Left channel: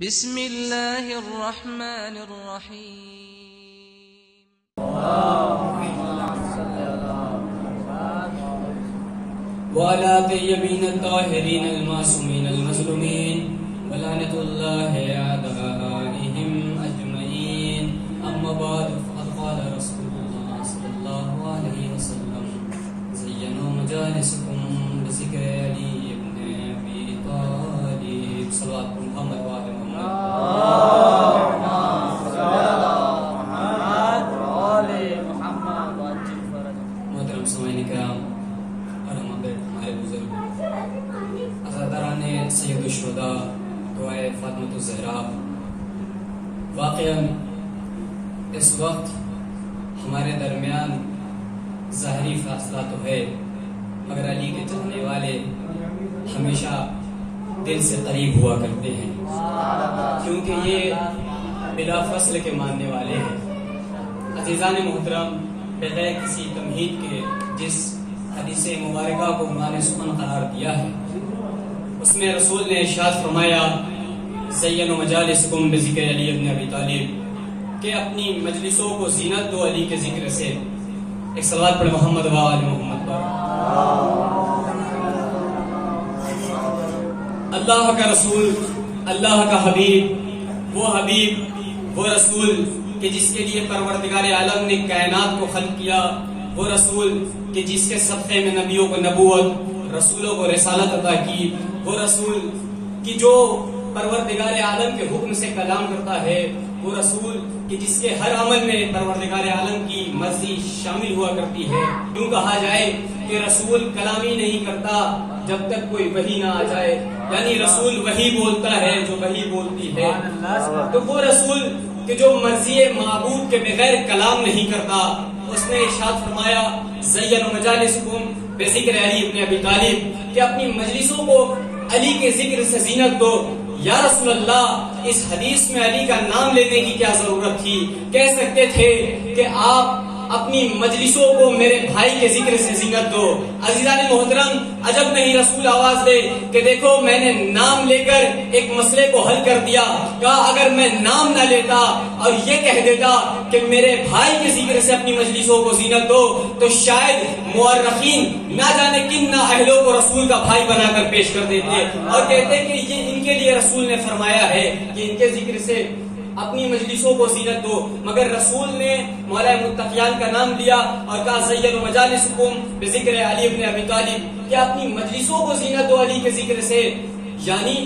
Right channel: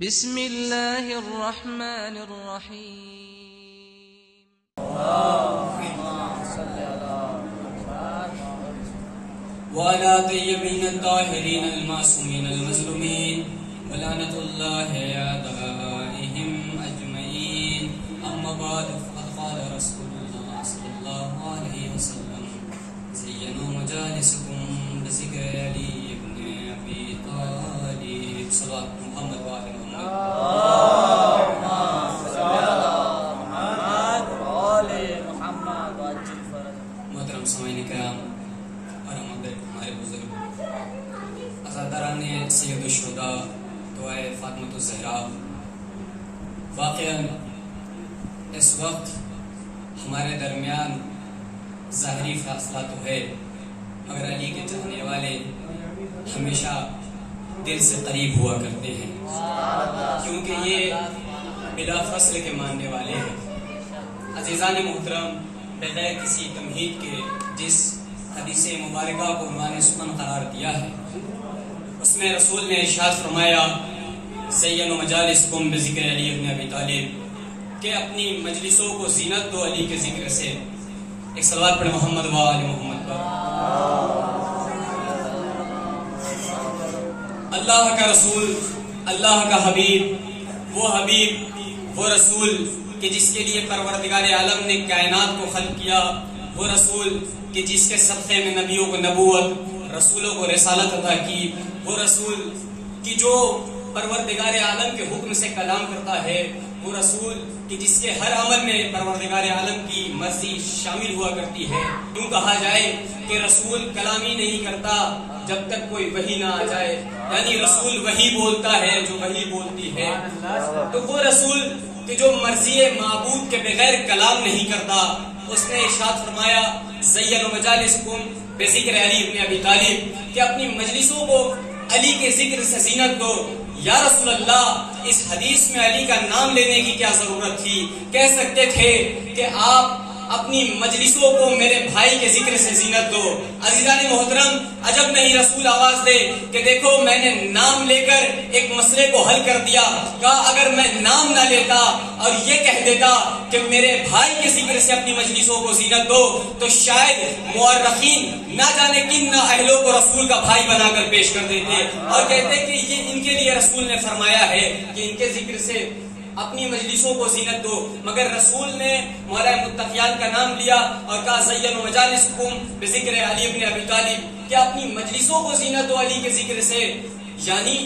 بسم اللہ الرحمن الرحیم وعلى طيبين الطاهرين المعصومين المظلومين ولعنة الله أعدائهم أجمعين أما بعد فقد قال رسول الله صلى الله عليه وسلم زينوا مجالسكم بذكر علي بن أبي طالب صلوات محمد وعلى محمد محترم سامعین کرام ہمارے بزرگ عزاداران سید الشہداء دعائے فاطمۃ الزہرا واقعا اس وقت ہمارے درمیان ظاہری فاصلہ تو ہے مگر علی کے چاہنے والے ہمیشہ دل سے قریب ہوا کرتے ہیں کیونکہ یہ بلا فصل کے ماننے والے ہیں۔ عزیزان محترم، بغیر کسی تمہید کے جس حدیث مبارکہ کو عنوان سخن قرار دیا ہے اس میں رسول نے ارشاد فرمایا زینوا مجالسکم بذکر علی بن ابی طالب کہ اپنی مجلسوں کو زینت دو علی کے ذکر سے۔ ایک صلوات پڑھ محمد و آل محمد پر۔ اللہ کا رسول، اللہ کا حبیب، وہ رسول کہ جس کے لیے پروردگار عالم نے کائنات کو خلق کیا، وہ رسول کہ جس کے صدقے میں نبیوں کو نبوت، رسولوں کو رسالت عطا کی، وہ رسول کہ جو پروردگار عالم کے حکم سے کلام کرتا ہے، وہ رسول کہ جس کے ہر عمل میں پروردگار عالم کی مرضی شامل ہوا کرتی ہے۔ یوں کہا جائے کہ رسول کلام ہی نہیں کرتا جب تک کوئی وحی نہ آ جائے، یعنی رسول وہی بولتا ہے جو وحی بولتی ہے۔ تو وہ رسول کہ جو مرضی معبود کے بغیر کلام نہیں کرتا، اس نے ارشاد فرمایا زینوا مجالسکم بذکر علی بن ابی طالب کہ اپنی مجلسوں کو علی کے ذکر سے زینت دو۔ یا رسول اللہ، اس حدیث میں علی کا نام لینے کی کیا ضرورت تھی؟ کہہ سکتے تھے کہ آپ اپنی مجلسوں کو میرے بھائی کے ذکر سے زینت دو۔ عزیزان محترم، عجب نہیں رسول آواز دے کہ دیکھو میں نے نام لے کر ایک مسئلے کو حل کر دیا۔ کہا اگر میں نام نہ لیتا اور یہ کہہ دیتا کہ میرے بھائی کے ذکر سے اپنی مجلسوں کو زینت دو تو شاید مورخین نہ جانے کن نہ اہلوں کو رسول کا بھائی بنا کر پیش کر دیتے اور کہتے کہ یہ ان کے لیے رسول نے فرمایا ہے کہ ان کے ذکر سے اپنی مجلسوں کو زینت دو، مگر رسول نے مولا متقیان کا نام لیا اور کہا زینوا مجالسکم بذکر علی بن ابی طالب کہ اپنی مجلسوں کو زینت دو علی کے ذکر سے۔ یعنی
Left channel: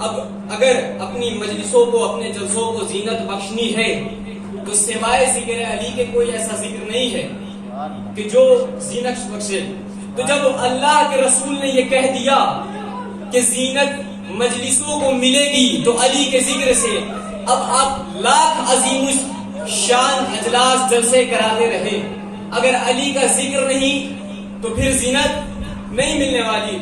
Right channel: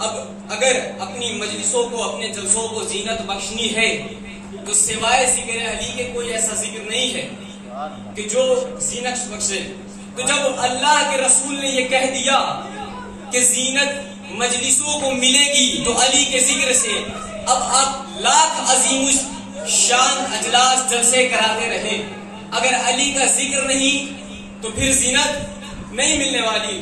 اب اگر اپنی مجلسوں کو، اپنے جلسوں کو زینت بخشنی ہے تو سوائے ذکر علی کے کوئی ایسا ذکر نہیں ہے کہ جو زینت بخشے۔ تو جب اللہ کے رسول نے یہ کہہ دیا کہ زینت مجلسوں کو ملے گی تو علی کے ذکر سے، اب آپ لاکھ عظیم شان اجلاس جلسے کراتے رہے، اگر علی کا ذکر نہیں تو پھر زینت نہیں ملنے والی۔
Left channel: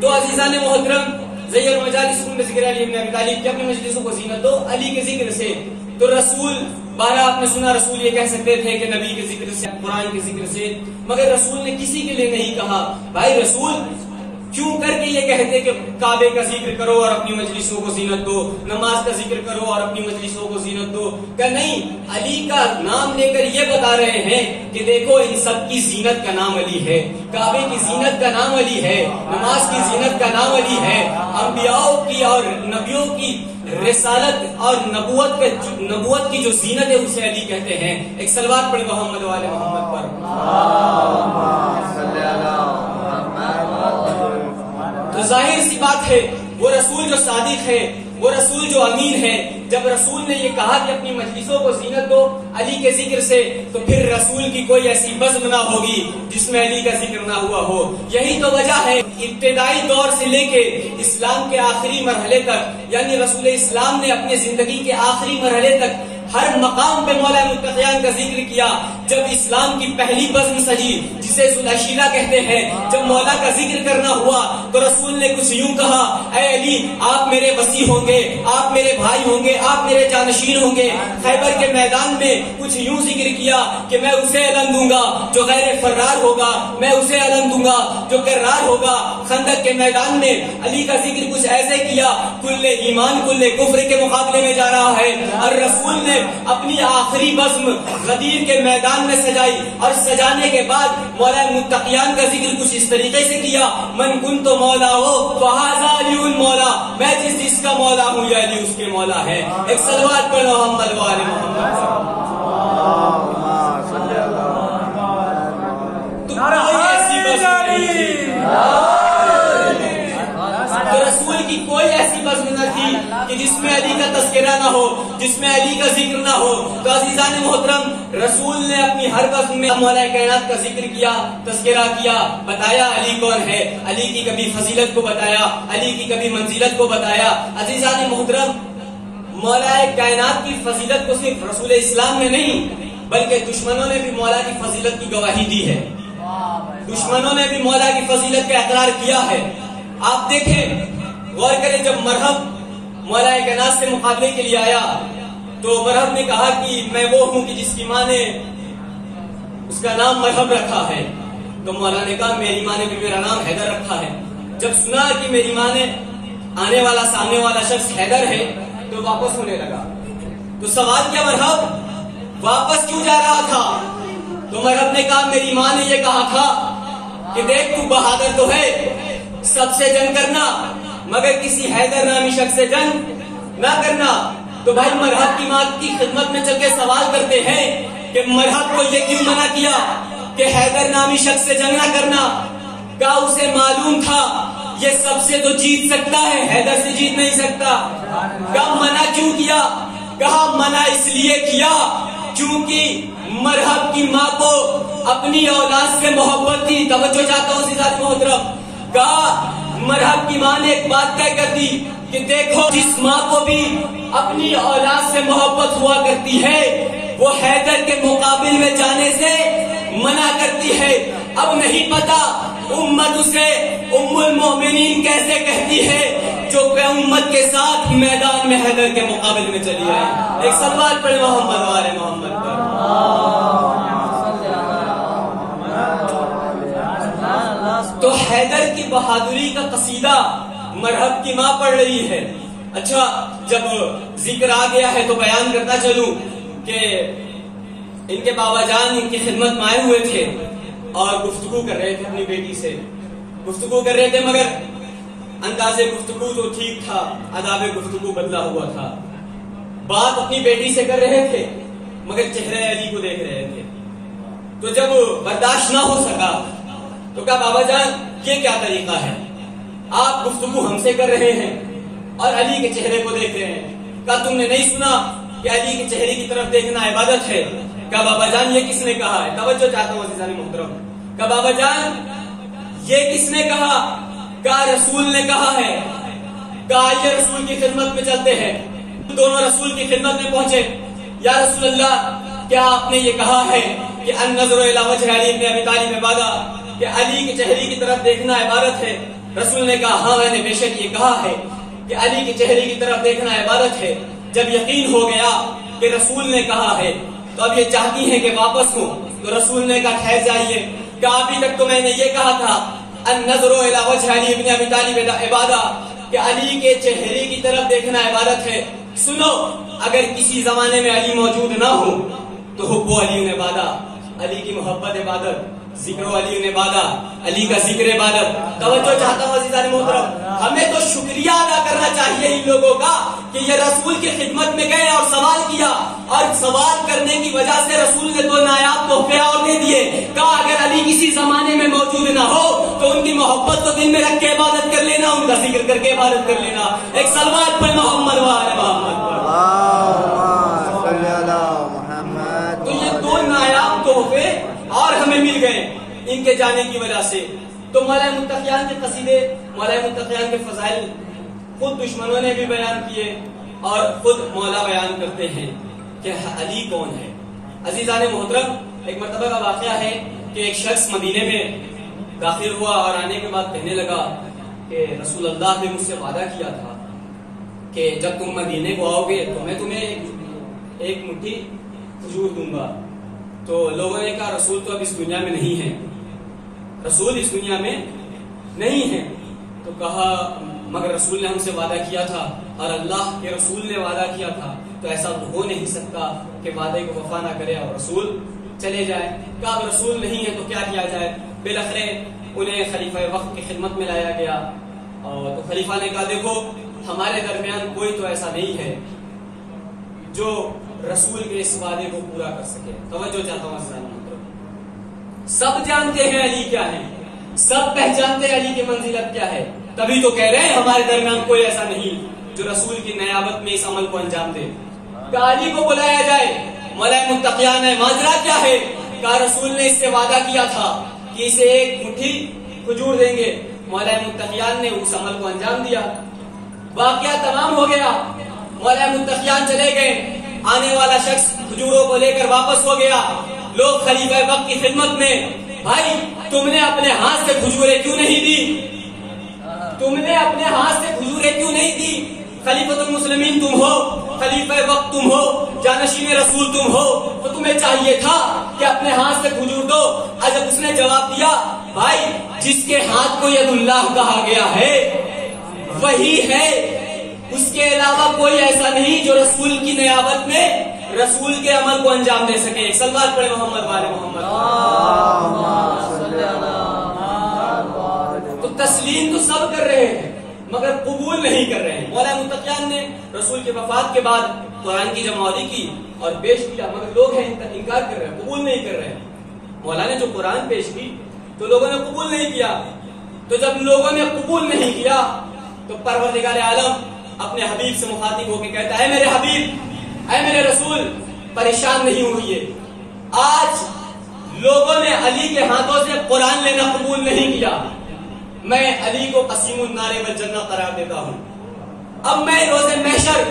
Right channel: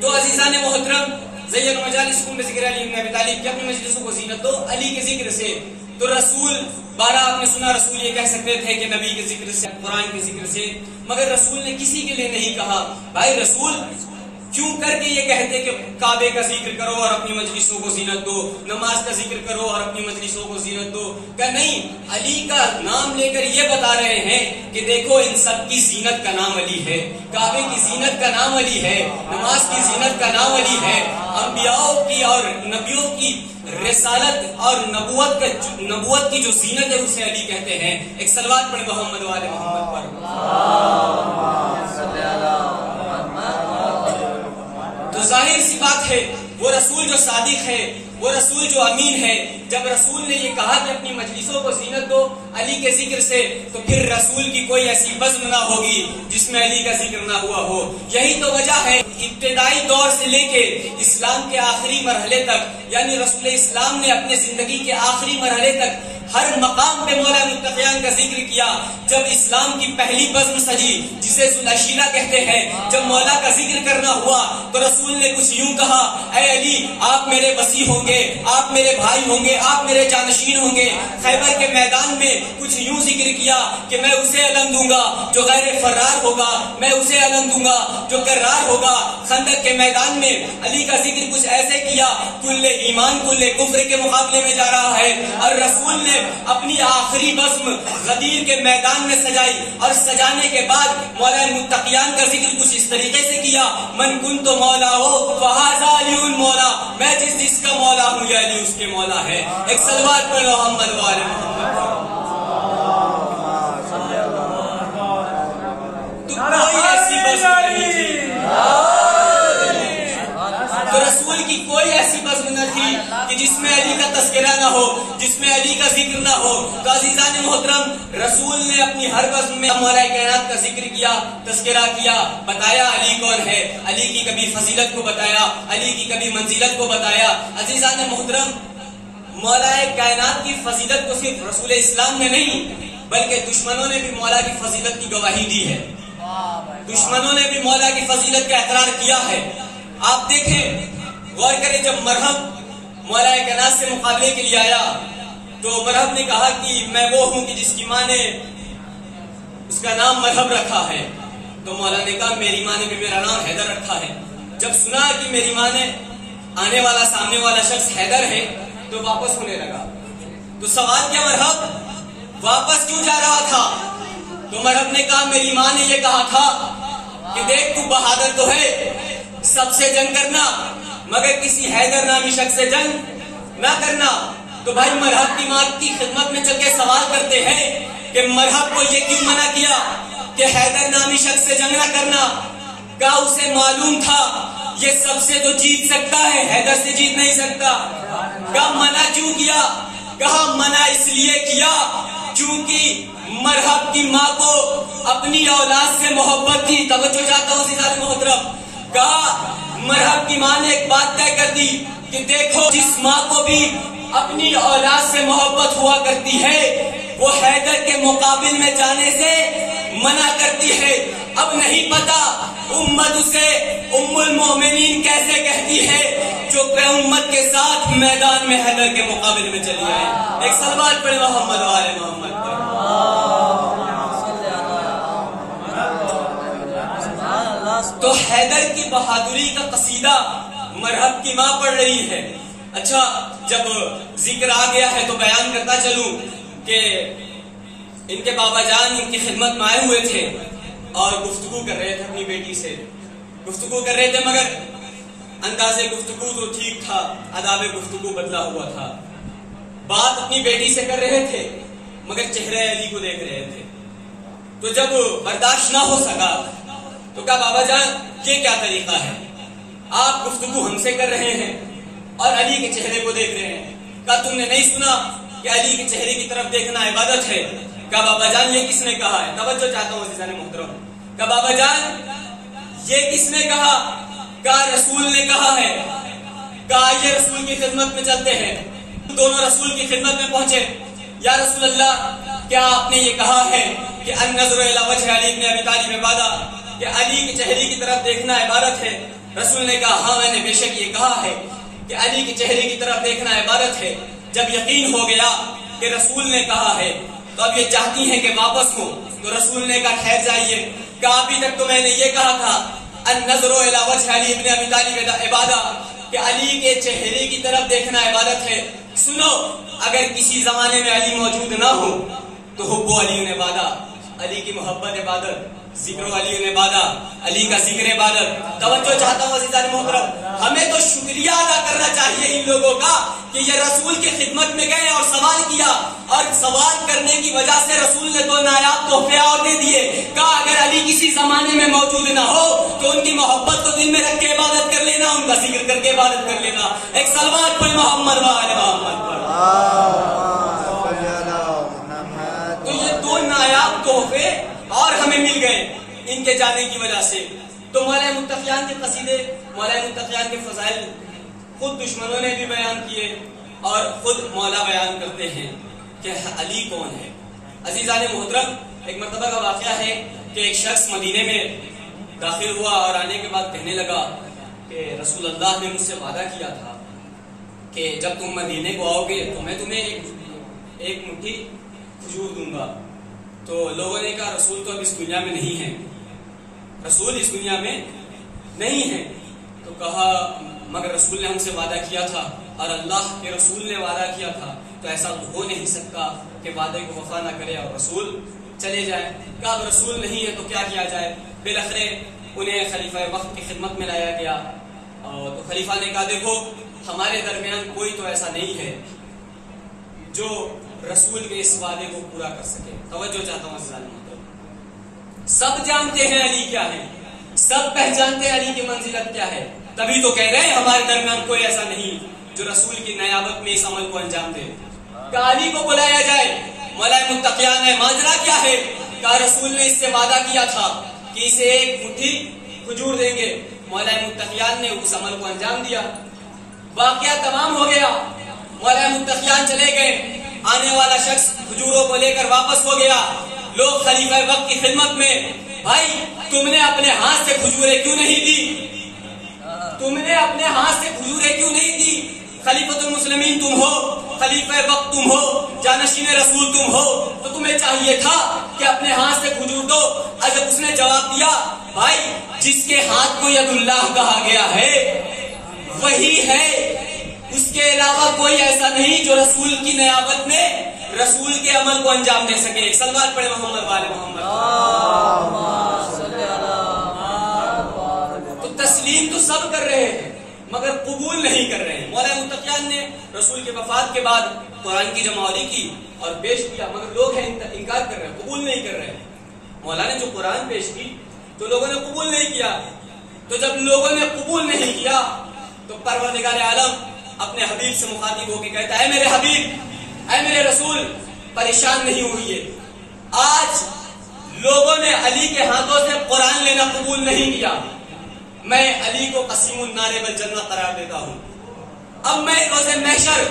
تو عزیزان محترم، زینوا مجالسکم بذکر علی بن ابی طالب کہ اپنی مجلسوں کو زینت دو علی کے ذکر سے۔ تو رسول بارہ آپ نے سنا رسول یہ کہہ سکتے تھے کہ نبی کے ذکر سے، قرآن کے ذکر سے، مگر رسول نے کسی کے لیے نہیں کہا۔ بھائی رسول کیوں کر کے یہ کہتے کہ کعبے کا ذکر کرو اور اپنی مجلسوں کو زینت دو، نماز کا ذکر کرو اور اپنی مجلسوں کو زینت دو؟ کہ نہیں، علی کا نام لے کر یہ بتا رہے ہیں کہ دیکھو ان سب کی زینت کا نام علی ہے، کعبے کی زینت کا نام علی ہے، نماز کی زینت کا نام علی ہے، انبیاء کی اور نبیوں کی رسالت اور نبوت کی جو زینت ہے اسے علی کہتے ہیں۔ ایک صلوات پڑھ محمد و آل محمد پر۔ تو ظاہر سی بات ہے وہ رسول جو صادق ہے، وہ رسول جو امین ہے، جب رسول نے یہ کہا کہ اپنی مجلسوں کو زینت دو علی کے ذکر سے تو پھر رسول کی کوئی ایسی بزم نہ ہوگی جس میں علی کا ذکر نہ ہوا ہو۔ یہی تو وجہ ہے ابتدائی دور سے لے کے اسلام کے آخری مرحلے تک، یعنی رسول اسلام نے اپنے زندگی کے آخری مرحلے تک ہر مقام پہ مولا متقیان کا ذکر کیا. جب اسلام کی پہلی بزم سجی جسے ذوالعشیرہ کہتے ہیں، جب مولا کا ذکر کرنا ہوا تو رسول نے کچھ یوں کہا، اے علی آپ میرے وصی ہوں گے، آپ میرے بھائی ہوں گے، آپ میرے جانشین ہوں گے. خیبر کے میدان میں کچھ یوں ذکر کیا کہ میں اسے علم دوں گا جو غیر فرار ہوگا، میں اسے علم دوں گا جو کرار ہوگا. خندق کے میدان میں علی کا ذکر کچھ ایسے کیا، کل ایمان کل کفر کے مقابلے میں جا رہا ہے. اور رسول نے اپنی آخری بزم غدیر کے میدان میں سجائی، اور سجانے کے بعد مولا متقیان کا ذکر کچھ اس طریقے سے کیا، من کنت مولا ہو فہذا علی مولا، میں جس کا مولا ہوں یہ علی اس کے مولا ہے. ایک صلوات پڑھو محمد وآل محمد. تو کوئی ایسی بزم نہیں تھی، تو رسول کی کوئی ایسی بزم نہ تھی کہ جس میں علی کا تذکرہ نہ ہو، جس میں علی کا ذکر نہ ہو. تو عزیزان محترم، رسول نے اپنی ہر بزم میں مولا کائنات کا ذکر کیا، تذکرہ کیا، بتایا علی کون ہے، علی کی کبھی فضیلت کو بتایا، علی کی کبھی منزلت کو بتایا. عزیزان محترم، مولا کائنات کی فضیلت کو صرف رسول اسلام نے نہیں بلکہ دشمنوں نے بھی مولا کی فضیلت کی گواہی دی ہے. دشمنوں نے بھی مولا کی فضیلت کا اقرار کیا ہے. آپ دیکھیں، غور کریں، جب مرحب مولا کائنات سے مقابلے کے لیے آیا تو مرحب نے کہا کہ میں وہ ہوں کہ جس کی ماں نے اس کا نام مرحب رکھا ہے. تو مولا نے کہا میری ماں نے بھی میرا نام حیدر رکھا ہے. جب سنا کہ میری ماں نے آنے والا سامنے والا شخص حیدر ہے تو واپس ہونے لگا. تو سوال کیا، مرحب واپس کیوں جا رہا تھا؟ تو مرحب نے کہا میری ماں نے یہ کہا تھا کہ دیکھ تو بہادر تو ہے، سب سے جنگ کرنا مگر کسی حیدر نامی شخص سے جنگ نہ کرنا. تو بھائی مرحب کی ماں کی خدمت میں چل کے سوال کرتے ہیں کہ مرحب کو یہ کیوں منع کیا کہ حیدر نامی شخص سے جنگ نہ کرنا؟ کہا اسے معلوم تھا یہ سب سے تو جیت سکتا ہے، حیدر سے جیت نہیں سکتا. کہا منع کیوں کیا؟ کہا منع اس لیے کیا چونکہ مرحب کی ماں کو اپنی اولاد سے محبت تھی. توجہ چاہتا ہوں عزیزان محترم. کہا مرحب کی ماں نے ایک بات طے کر دی کہ دیکھو جس ماں کو بھی اپنی اولاد سے محبت ہوا کرتی ہے وہ حیدر کے مقابل میں جانے سے منع کرتی ہے. اب نہیں پتا امت اسے ام المومنین کیسے کہتی ہے جو کہ امت کے ساتھ میدان میں حیدر کے مقابل میں چلی آئے. ایک صلوات پڑھ محمد وآل محمد پر. تو حیدر کی بہادری کا قصیدہ مرحب کی ماں پڑھ رہی ہے. اچھا، جب ذکر آ گیا ہے تو بیان کرتا چلوں کہ ان کے بابا جان ان کی خدمت میں آئے ہوئے تھے اور گفتگو کر رہے تھے، اپنی بیٹی سے گفتگو کر رہے تھے، مگر انداز گفتگو تو ٹھیک تھا، آداب گفتگو بدلا ہوا تھا. بات اپنی بیٹی سے کر رہے تھے مگر چہرے علی کو دیکھ رہے تھے. تو جب برداشت نہ ہو سکا تو کہا بابا جان یہ کیا طریقہ ہے، آپ گفتگو ہم سے کر رہے ہیں اور علی کے چہرے کو دیکھ رہے ہیں. کہا تم نے نہیں سنا کہ علی کے چہرے کی طرف دیکھنا عبادت ہے؟ کہا بابا جان یہ کس نے کہا ہے؟ توجہ چاہتا ہوں عزیزان محترم. کہا بابا جان یہ کس نے کہا؟ کہا رسول نے کہا ہے. کہا یہ رسول کی خدمت میں چلتے ہیں. دونوں رسول کی خدمت میں پہنچے. یا رسول اللہ کیا آپ نے یہ کہا ہے کہ النظر الی وجہ علی بن ابی طالب عبادہ، کہ علی کے چہرے کی طرف دیکھنا عبادت ہے؟ رسول نے کہا ہاں میں نے بے شک یہ کہا ہے کہ علی کے چہرے کی طرف دیکھنا عبادت ہے. جب یقین ہو گیا کہ رسول نے کہا ہے تو اب یہ چاہتی ہیں کہ واپس ہو. تو رسول نے کہا ٹھہر جائیے. کہا ابھی تک تو میں نے یہ کہا تھا النظر الی وجہ علی بن ابی طالب عبادہ، کہ علی کے چہرے کی طرف دیکھنا عبادت ہے. سنو، اگر کسی زمانے میں علی موجود نہ ہو تو حب علی عبادہ، علی کی محبت عبادت، ذکر علی عبادت، علی کا ذکر عبادت. توجہ چاہتا ہوں عزیزان محترم، ہمیں تو شکریہ ادا کرنا چاہیے ان لوگوں کا کہ یہ رسول کی خدمت میں گئے اور سوال کیا، اور سوال کرنے کی وجہ سے رسول نے تو نایاب تحفے اور دے دیے. کہا اگر علی کسی زمانے میں موجود نہ ہو تو ان کی محبت کو دل میں رکھ کے عبادت کر لینا، ان کا ذکر کر کے عبادت کر لینا. ایک صلوات پڑھ محمد وآل محمد پر. تو یہ دو نایاب تحفے اور ہمیں مل گئے ان کے جانے کی وجہ سے. تو مولا متقیان کے قصیدے، مولا متقیان کے فضائل خود دشمنوں نے بھی بیان کیے اور خود مولا بیان کرتے ہیں کہ علی کون ہے۔ عزیزان محترم، ایک مرتبہ کا واقعہ ہے کہ ایک شخص مدینے میں داخل ہوا اور آنے کے بعد کہنے لگا کہ رسول اللہ نے مجھ سے وعدہ کیا تھا کہ جب تم مدینے کو آؤ گے تو میں تمہیں ایک مٹھی کھجور دوں گا۔ تو لوگوں نے کہا رسول تو اب اس دنیا میں نہیں ہے، رسول اس دنیا میں نہیں ہے۔ تو کہا مگر رسول نے ہم سے وعدہ کیا تھا اور اللہ کے رسول نے وعدہ کیا تھا، تو ایسا تو ہو نہیں سکتا کہ وعدے کو وفا نہ کرے اور رسول چلے جائے۔ کہا اب رسول نہیں ہے تو کیا کیا جائے؟ بالآخر انہیں خلیفہ وقت کی خدمت میں لایا گیا، اور تو خلیفہ نے کہا دیکھو ہمارے درمیان کوئی تو ایسا نہیں ہے جو رسول کے اس وعدے کو پورا کر سکے۔ توجہ چاہتا ہوں عزیزان محترم، سب جانتے ہیں علی کیا ہے، سب پہچانتے ہیں علی کی منزلت کیا ہے، تبھی تو کہہ رہے ہیں ہمارے درمیان کوئی ایسا نہیں جو رسول کی نیابت میں اس عمل کو انجام دے۔ کہ علی کو بلایا جائے، مولا متقیان ہے، ماجرا کیا ہے؟ کہ رسول نے اس سے وعدہ کیا تھا کہ اسے ایک مٹھی کھجور دیں گے، مولا متقیان نے اس عمل کو انجام دیا، واقعہ تمام ہو گیا، مولا متقیان چلے گئے، آنے والا شخص کھجوروں کو لے کر واپس ہو گیا، لوگ خلیفہ وقت کی خدمت میں، بھائی تم نے اپنے ہاتھ سے کھجوریں کیوں نہیں دی؟ تم نے اپنے ہاتھ سے کھجوریں کیوں نہیں دی؟ خلیفۃ المسلمین تم ہو، خلیفہ وقت تم ہو، جانشین رسول تم ہو، تو تمہیں چاہیے تھا کہ اپنے ہاتھ سے کھجور دو۔ جب اس نے جواب دیا بھائی جس کے ہاتھ کو ید اللہ کہا گیا ہے وہی ہے، اس کے علاوہ کوئی ایسا نہیں جو رسول کی نیابت میں رسول کے عمل کو انجام دے سکے۔ ایک صلوات پڑھے محمد والے محمد۔ تو تسلیم تو سب کر رہے ہیں مگر قبول نہیں کر رہے ہیں۔ مولا متقیان نے رسول کے وفات کے بعد قرآن کی جمعوری کی اور پیش کیا، مگر لوگ ہیں انکار کر رہے ہیں، قبول نہیں کر رہے ہیں۔ مولا نے جو قرآن پیش کی تو لوگوں نے قبول نہیں کیا، تو جب لوگوں نے قبول نہیں کیا تو پروردگار عالم اپنے حبیب سے مخاطب ہو کے کہتا ہے اے میرے حبیب، اے میرے رسول، پریشان نہیں ہوئیے، آج لوگوں نے علی کے ہاتھوں سے قرآن لینا قبول نہیں کیا، میں علی کو قسیم النار والجنہ قرار دیتا ہوں۔ اب میں روز محشر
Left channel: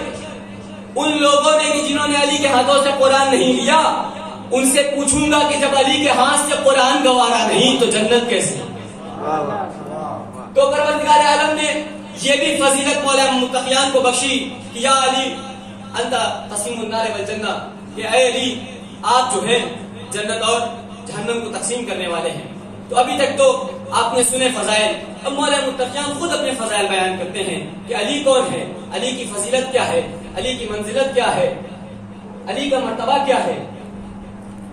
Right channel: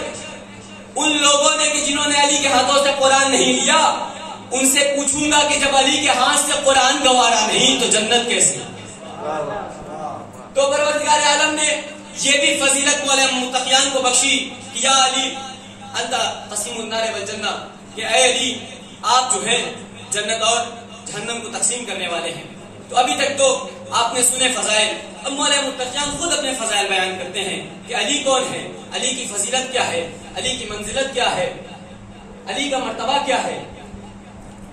ان لوگوں نے بھی جنہوں نے علی کے ہاتھوں سے قرآن نہیں لیا ان سے پوچھوں گا کہ جب علی کے ہاتھ سے قرآن گوارا نہیں تو جنت کیسے؟ تو پروردگار عالم نے یہ بھی فضیلت مولا متقیان کو بخشی کہ یا علی انت قسیم النار والجنہ، کہ اے علی آپ جو ہے جنت اور جہنم کو تقسیم کرنے والے ہیں۔ تو ابھی تک تو آپ نے سنے فضائل، اب مولا متقیان خود اپنے فضائل بیان کرتے ہیں کہ علی کون ہے، علی کی فضیلت کیا ہے، علی کی منزلت کیا ہے، علی کا مرتبہ کیا ہے۔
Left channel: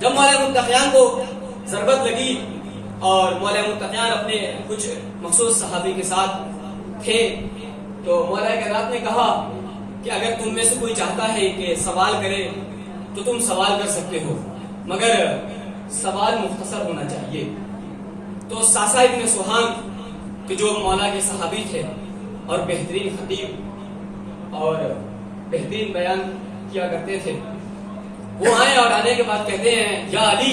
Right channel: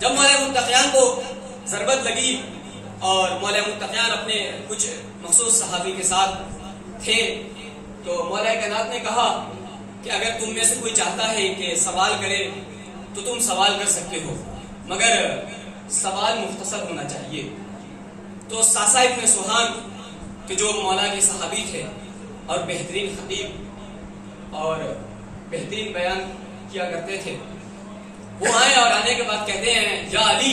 جب مولا متقیان کو ضربت لگی اور مولا متقیان اپنے کچھ مخصوص صحابی کے ساتھ تھے تو مولا کائنات نے کہا کہ اگر تم میں سے کوئی چاہتا ہے کہ سوال کرے تو تم سوال کر سکتے ہو، مگر سوال مختصر ہونا چاہیے۔ تو ساسا ابن سوہان کہ جو مولا کے صحابی تھے اور بہترین خطیب اور بہترین بیان کیا کرتے تھے، وہ آئے اور آنے کے بعد کہتے ہیں یا علی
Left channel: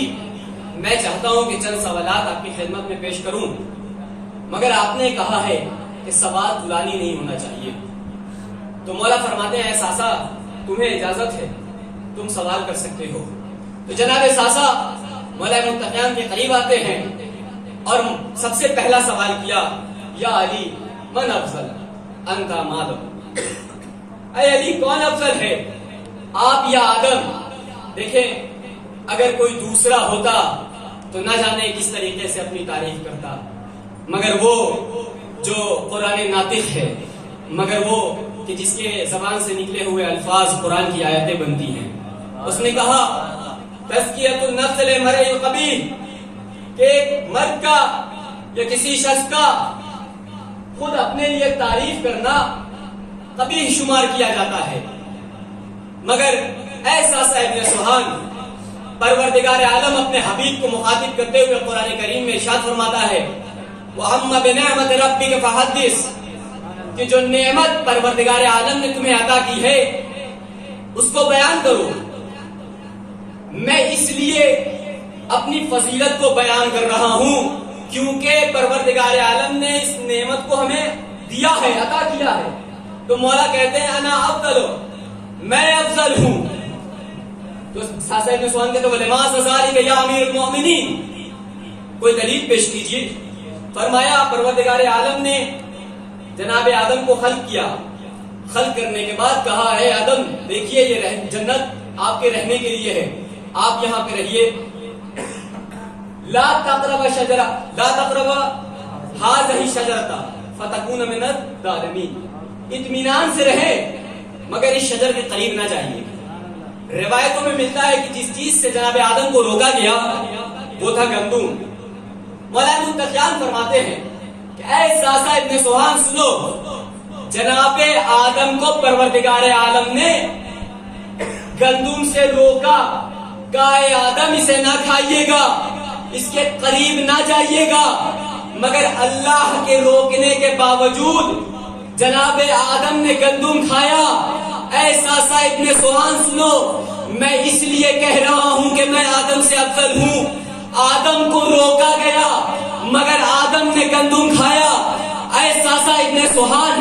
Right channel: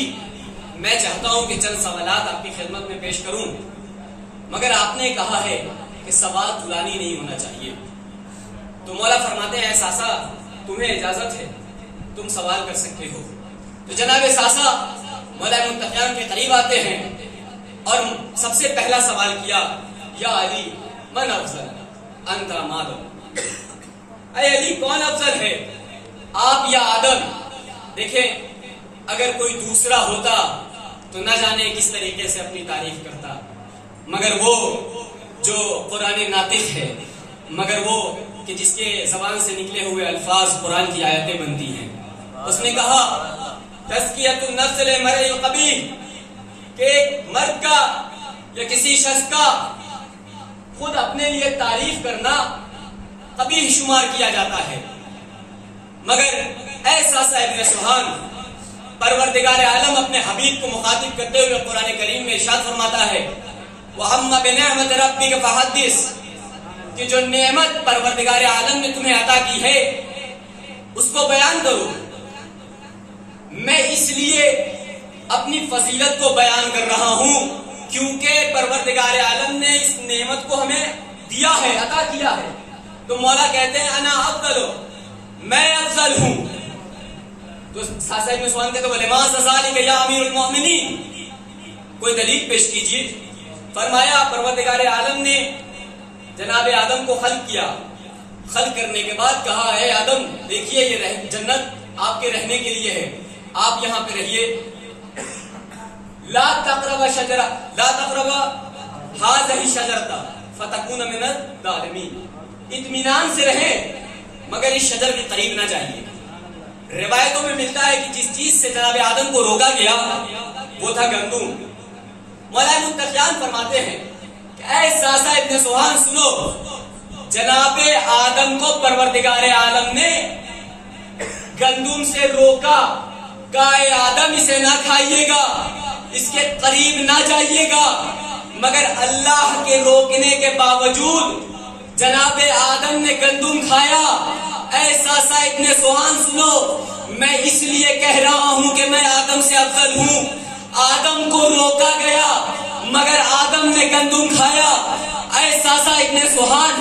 میں چاہتا ہوں کہ چند سوالات آپ کی خدمت میں پیش کروں، مگر آپ نے کہا ہے کہ سوال طولانی نہیں ہونا چاہیے۔ تو مولا فرماتے ہیں ساسا تمہیں اجازت ہے، تم سوال کر سکتے ہو۔ تو جناب ساسا مولا متقیان کے قریب آتے ہیں اور سب سے پہلا سوال کیا یا علی من افضل انت ام آدم، اے علی کون افضل ہے، آپ یا آدم؟ دیکھیں اگر کوئی دوسرا ہوتا تو نہ جانے کس طریقے سے اپنی تعریف کرتا، مگر وہ جو قرآن ناطق ہے، مگر وہ کہ جس کے زبان سے نکلے ہوئے الفاظ قرآن کی آیتیں بنتی ہیں، اس نے کہا تزکیۃ النفس للمرء قبیح، کہ مرد کا یا کسی شخص کا خود اپنے لیے تعریف کرنا قبیح شمار کیا جاتا ہے۔ مگر ایسا ابن سوہان پروردگار عالم اپنے حبیب کو مخاطب کرتے ہوئے قرآن کریم میں ارشاد فرماتا ہے وَأَمَّا بِنِعْمَةِ رَبِّكَ فَحَدِّثْ، کہ جو نعمت پروردگار عالم نے تمہیں عطا کی ہے اس کو بیان کرو۔ میں اس لیے اپنی فضیلت کو بیان کر رہا ہوں کیونکہ پروردگار عالم نے اس نعمت کو ہمیں دیا ہے، عطا کیا ہے۔ تو مولا کہتے ہیں انا افضل، میں افضل ہوں، تو ساسا ابن سوان کہتے ولما ذالک یا امیر المؤمنین، کوئی دلیل پیش کیجیے۔ فرمایا پروردگار عالم نے جناب آدم کو خلق کیا، خلق کرنے کے بعد کہا ہے آدم دیکھیے یہ جنت آپ کے رہنے کے لیے ہے، آپ یہاں پہ رہیے، لا تقرب شجرہ لا تقرب هذه الشجرۃ فتكون من الظالمین، اطمینان سے رہے مگر اس شجر کے قریب نہ جائیے۔ روایتوں میں ملتا ہے کہ جس چیز سے جناب آدم کو روکا گیا وہ تھا گندم۔ مولانا منتقیان فرماتے ہیں کہ اے ساسا ابن سوہان سنو، جناب آدم کو پروردگار عالم نے گندم سے روکا، کہا اے آدم اسے نہ کھائیے گا، اس کے قریب نہ جائیے گا، مگر اللہ کے روکنے کے باوجود جناب آدم نے گندم کھایا۔ اے ساسا ابن سوہان سنو، میں اس لیے کہہ رہا ہوں کہ میں آدم سے افضل ہوں، آدم کو روکا گیا مگر آدم نے گندم کھایا۔ اے ساسا ابن سوہان،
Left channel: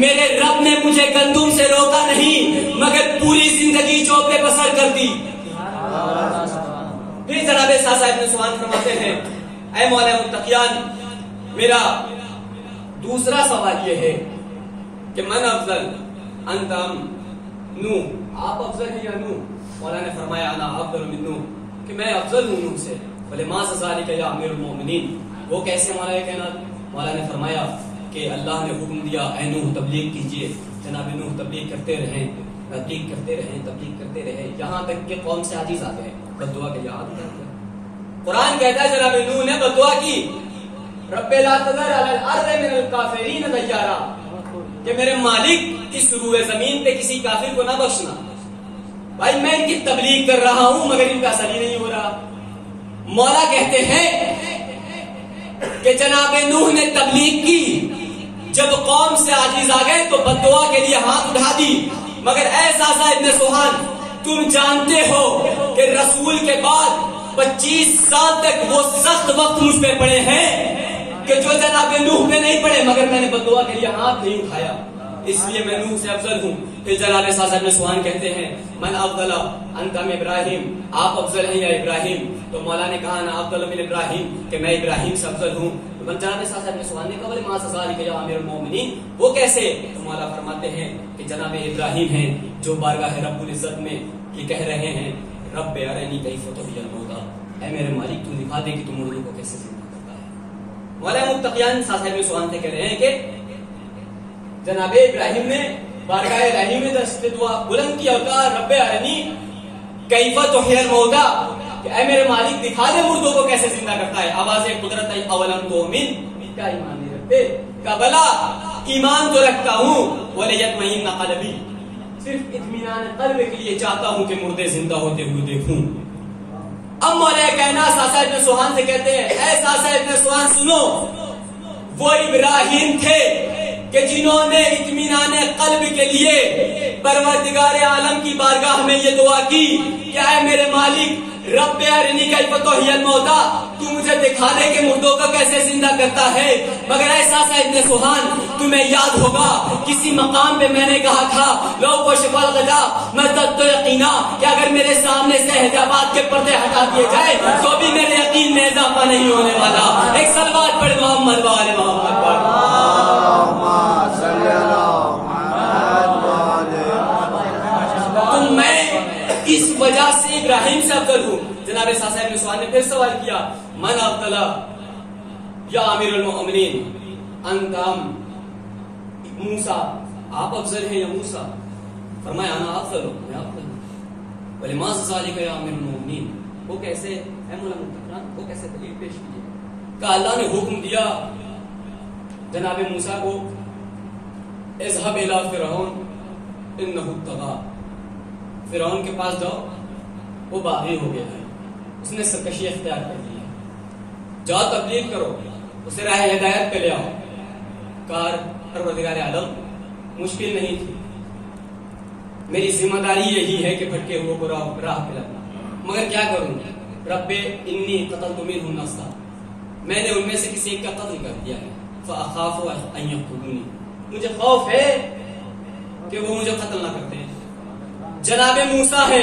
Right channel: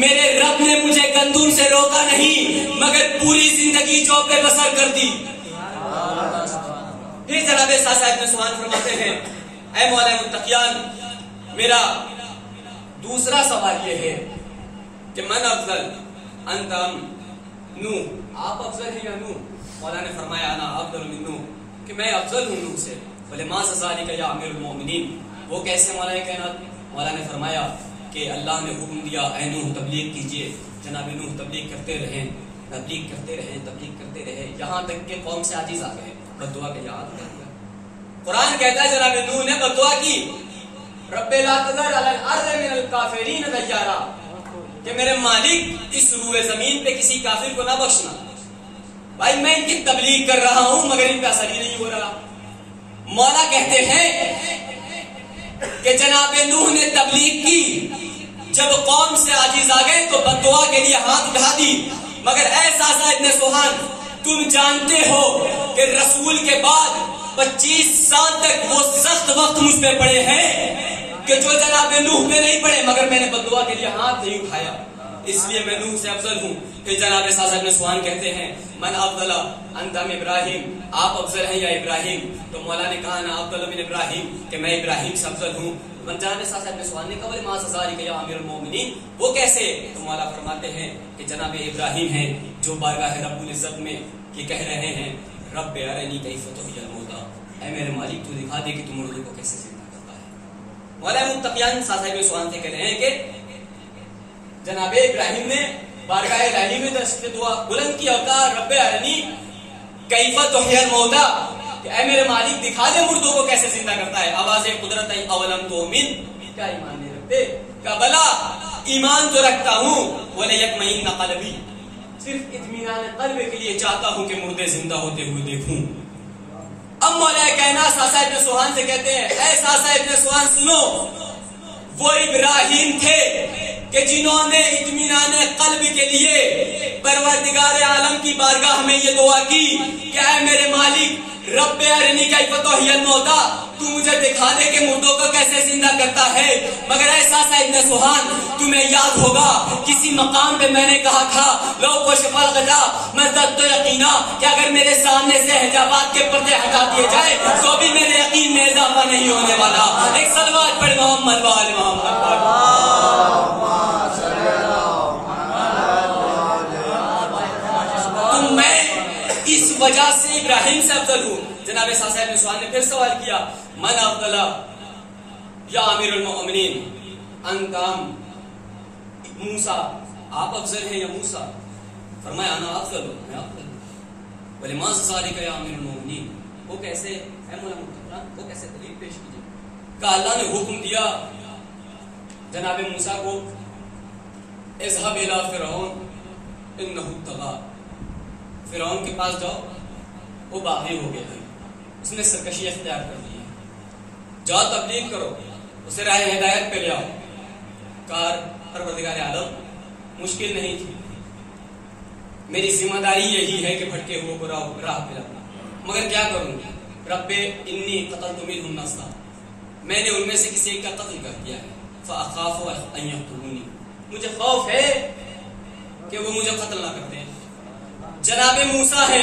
میرے رب نے مجھے گندم سے روکا نہیں مگر پوری زندگی چوپے بسر کر دی۔ پھر جناب ساسا ابن سوہان فرماتے ہیں اے مولانا منتقیان، میرا دوسرا سوال یہ ہے کہ من افضل انت ام نوح، آپ افضل ہیں یا نوح؟ مولانا نے فرمایا انا افضل من نوح، کہ میں افضل ہوں نوح سے۔ ولما ذالک یا امیر المؤمنین، وہ کیسے مولانا کائنات؟ مولانا نے فرمایا کہ اللہ نے حکم دیا اے نوح تبلیغ کیجئے، جناب نوح تبلیغ کرتے رہیں، تبلیغ کرتے رہیں، تبلیغ کرتے رہے، یہاں تک کہ قوم سے عاجز آ گئے، بد دعا کے یاد کر دیا۔ قرآن کہتا ہے جناب نوح نے بد دعا کی، رب لا تذر علی الارض من الکافرین دیارا، کہ میرے مالک اس روئے زمین پہ کسی کافر کو نہ بخشنا۔ بھائی میں ان کی تبلیغ کر رہا ہوں مگر ان پہ اثر ہی نہیں ہو رہا۔ مولا کہتے ہیں کہ جناب نوح نے تبلیغ کی، جب قوم سے عاجز آ گئے تو بد دعا کے لیے ہاتھ اٹھا دی، مگر اے ساسا ابن سوہان تم جانتے ہو کہ رسول کے بعد 25 سال تک وہ سخت وقت مجھ پہ پڑے ہیں کہ جو جناب نوح میں نہیں پڑے، مگر میں نے بد دعا کے لیے ہاتھ نہیں اٹھایا، اس لیے میں نوح سے افضل ہوں۔ پھر جناب ساسا ابن سوہان کہتے ہیں من افضل انت ام ابراہیم، آپ افضل ہیں یا ابراہیم؟ تو مولا نے کہا نا افضل من ابراہیم، کہ میں ابراہیم سے افضل ہوں۔ جناب ساسا ابن سوہان نے کہا ما ذالک یا امیر المؤمنین، وہ کیسے؟ تو مولا فرماتے ہیں کہ جناب ابراہیم ہیں جو بارگاہ رب العزت میں یہ کہہ رہے ہیں رب ارنی کیف تحیی الموتی، اے میرے مالک تو دکھا دے کہ تم مردوں کو کیسے زندہ کرتا ہے۔ مولانا متقیان ساسا ابن سوہان سے کہہ رہے ہیں کہ جناب ابراہیم نے بارگاہ الہی میں دست دعا بلند کیا اور کہا رب ارنی کیف تحیی الموتی، کہ اے میرے مالک دکھا دے مردوں کو کیسے زندہ کرتا ہے۔ آواز قدرت اولم تؤمن، کیا ایمان نہیں رکھتے؟ کہ بلا ایمان تو رکھتا ہوں، ولیطمئن قلبی، صرف اطمینان قلب کے لیے چاہتا ہوں کہ مردے زندہ ہوتے ہوئے دیکھوں۔ اب مولا کائنات ساسا ابن سوہان سے کہتے ہیں اے ساسا ابن سوہان سنو، وہ ابراہیم تھے کہ جنہوں نے اطمینان قلب کے لیے پروردگار عالم کی بارگاہ میں یہ دعا کی کہ اے میرے مالک رب ارنی کیف تحیی الموتی، تو مجھے دکھا دے کہ مردوں کو کیسے زندہ کرتا ہے۔ مگر اے ساسا ابن سوہان تمہیں یاد ہوگا کسی مقام پہ میں نے کہا تھا لو کشف الغطا مزددت یقینا، کہ اگر میرے سامنے سے حجابات کے پردے ہٹا دیے جائے تو بھی میرے یقین میں اضافہ نہیں ہونے والا۔ ایک صلوات پڑھ محمد و آل محمد پر۔ تو میں اس وجہ سے ابراہیم سے افضل ہوں۔ جناب ساسا ابن سوہان نے پھر سوال کیا من افضل یا امیر المؤمنین انت ام موسیٰ، آپ افضل ہیں یا موسیٰ؟ فرمایا انا افضل ہوں، میں افضل ہوں۔ ولما ذالک یا امیر المؤمنین، وہ کیسے؟ اے مولانا منتقیان وہ کیسے؟ دلیل پیش کیجیے۔ کہ اللہ نے حکم دیا جناب موسیٰ کو اذهب الى فرعون انه طغى، فرعون کے پاس جاؤ وہ باغی ہو گیا ہے، اس نے سرکشی اختیار کر لی ہے، جاؤ تبلیغ کرو، اسے راہ ہدایت پہ لے آؤ۔ کار پروردگار عالم مشکل نہیں تھی، میری ذمہ داری یہی ہے کہ بھٹکے ہوئے کو راہ پہ لاؤں، مگر کیا کروں؟ رب انی قتلت منهم نفسا، میں نے ان میں سے کسی ایک کا قتل کر دیا ہے، فاخاف ان یقتلونی، مجھے خوف ہے کہ وہ مجھے قتل نہ کرتے۔ جناب موسیٰ ہے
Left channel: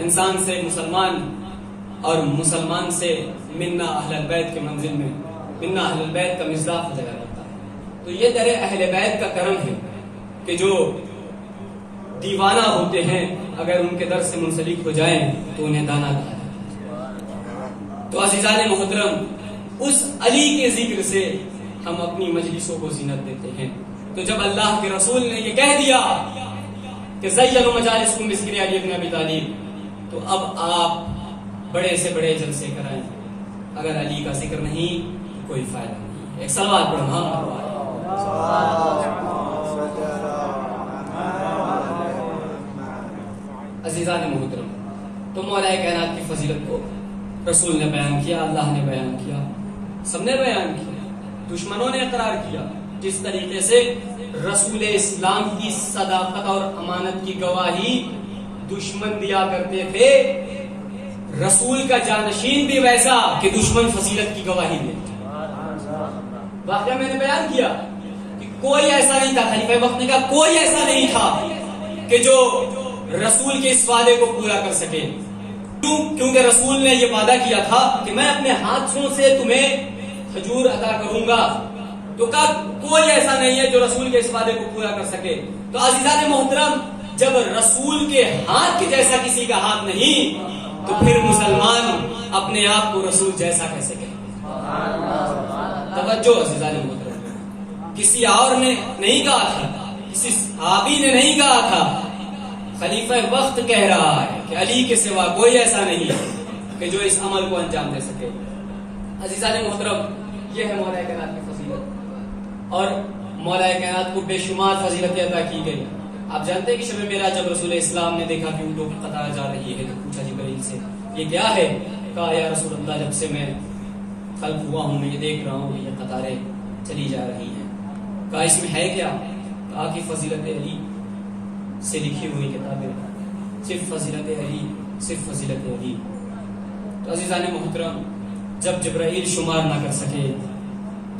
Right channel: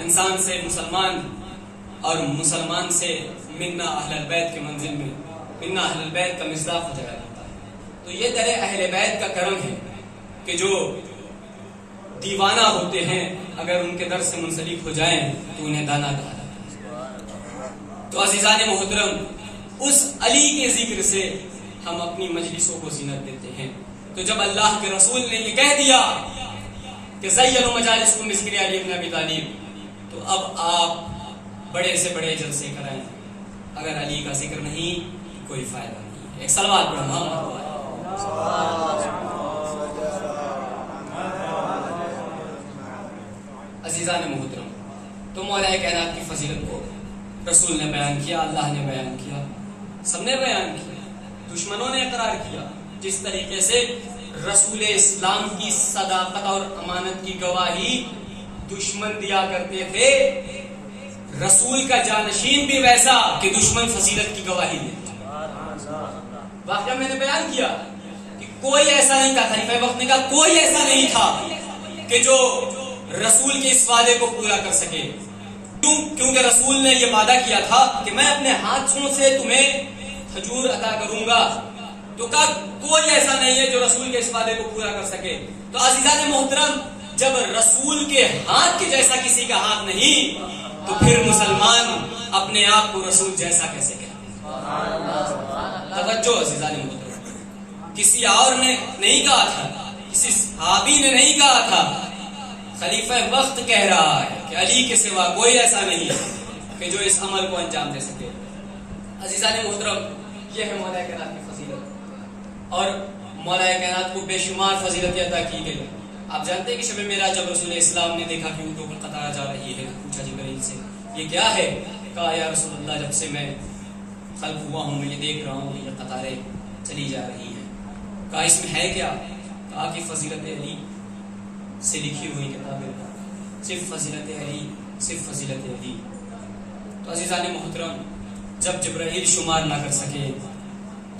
انسان سے مسلمان اور مسلمان سے منا اہل البیت کے منزل میں منا اہل البیت کا مصداق ہو جاتا ہے. تو یہ در اہل بیت کا کرم ہے کہ جو دیوانہ ہوتے ہیں اگر ان کے در سے منسلک ہو جائیں تو انہیں دانا کہا جاتا ہے. تو عزیزان محترم، اس علی کے ذکر سے ہم اپنی مجلسوں کو زینت دیتے ہیں. تو جب اللہ کے رسول نے یہ کہہ دیا کہ زینوا مجالسکم بذکر علی بن ابی طالب، تو اب آپ بڑے سے بڑے جلسے کرائیں. اگر علی کا ذکر نہیں کوئی فائدہ نہیں. ایک صلوات پڑھو. عزیزان محترم، تو مولا کائنات کی فضیلت کو رسول نے بیان کیا، اللہ نے بیان کیا، سب نے بیان کیا، دشمنوں نے اقرار کیا. جس طریقے سے رسول اسلام کی صداقت اور امانت کی گواہی دشمن دیا کرتے تھے، رسول کا جانشین بھی ویسا کہ دشمن فضیلت کی گواہی دے. واقعہ میں نے بیان کیا کہ کوئی ایسا نہیں تھا، خلیفہ وقت نے کہا کوئی ایسا نہیں تھا کہ جو رسول کے اس وعدے کو پورا کر سکے. کیونکہ رسول نے یہ وعدہ کیا تھا کہ میں اپنے ہاتھوں سے تمہیں کھجور عطا کروں گا. تو کہا کوئی ایسا نہیں ہے جو رسول کے اس وعدے کو پورا کر سکے. تو عزیزان محترم، جب رسول کے ہاتھ کے جیسا کسی کا ہاتھ نہیں تو پھر مسلمان اپنے آپ کو رسول جیسا کیسے کہے؟ توجہ عزیزان محترم، کسی اور نے نہیں کہا تھا، کسی صحابی نے نہیں کہا تھا، خلیفہ وقت کہہ رہا ہے کہ علی کے سوا کوئی ایسا نہیں کہ جو اس عمل کو انجام دے سکے. عزیزان محترم، یہ ہے مولا کائنات کی فضیلت، اور مولا کائنات کو بے شمار فضیلتیں عطا کی گئی. آپ جانتے ہیں کہ شب معراج جب رسول اسلام نے دیکھا کہ اونٹوں کی قطار جا رہی ہے، پوچھا جبرائیل سے یہ کیا ہے؟ کہا یا رسول اللہ، جب سے میں خلق ہوا ہوں میں یہ دیکھ رہا ہوں کہ یہ قطاریں چلی جا رہی ہیں. کہا اس میں ہے کیا؟ کہا کہ فضیلت علی سے لکھی ہوئی کتابیں، صرف فضیلت علی، صرف فضیلت علی. تو عزیزان محترم، جب جبرائیل شمار نہ کر سکے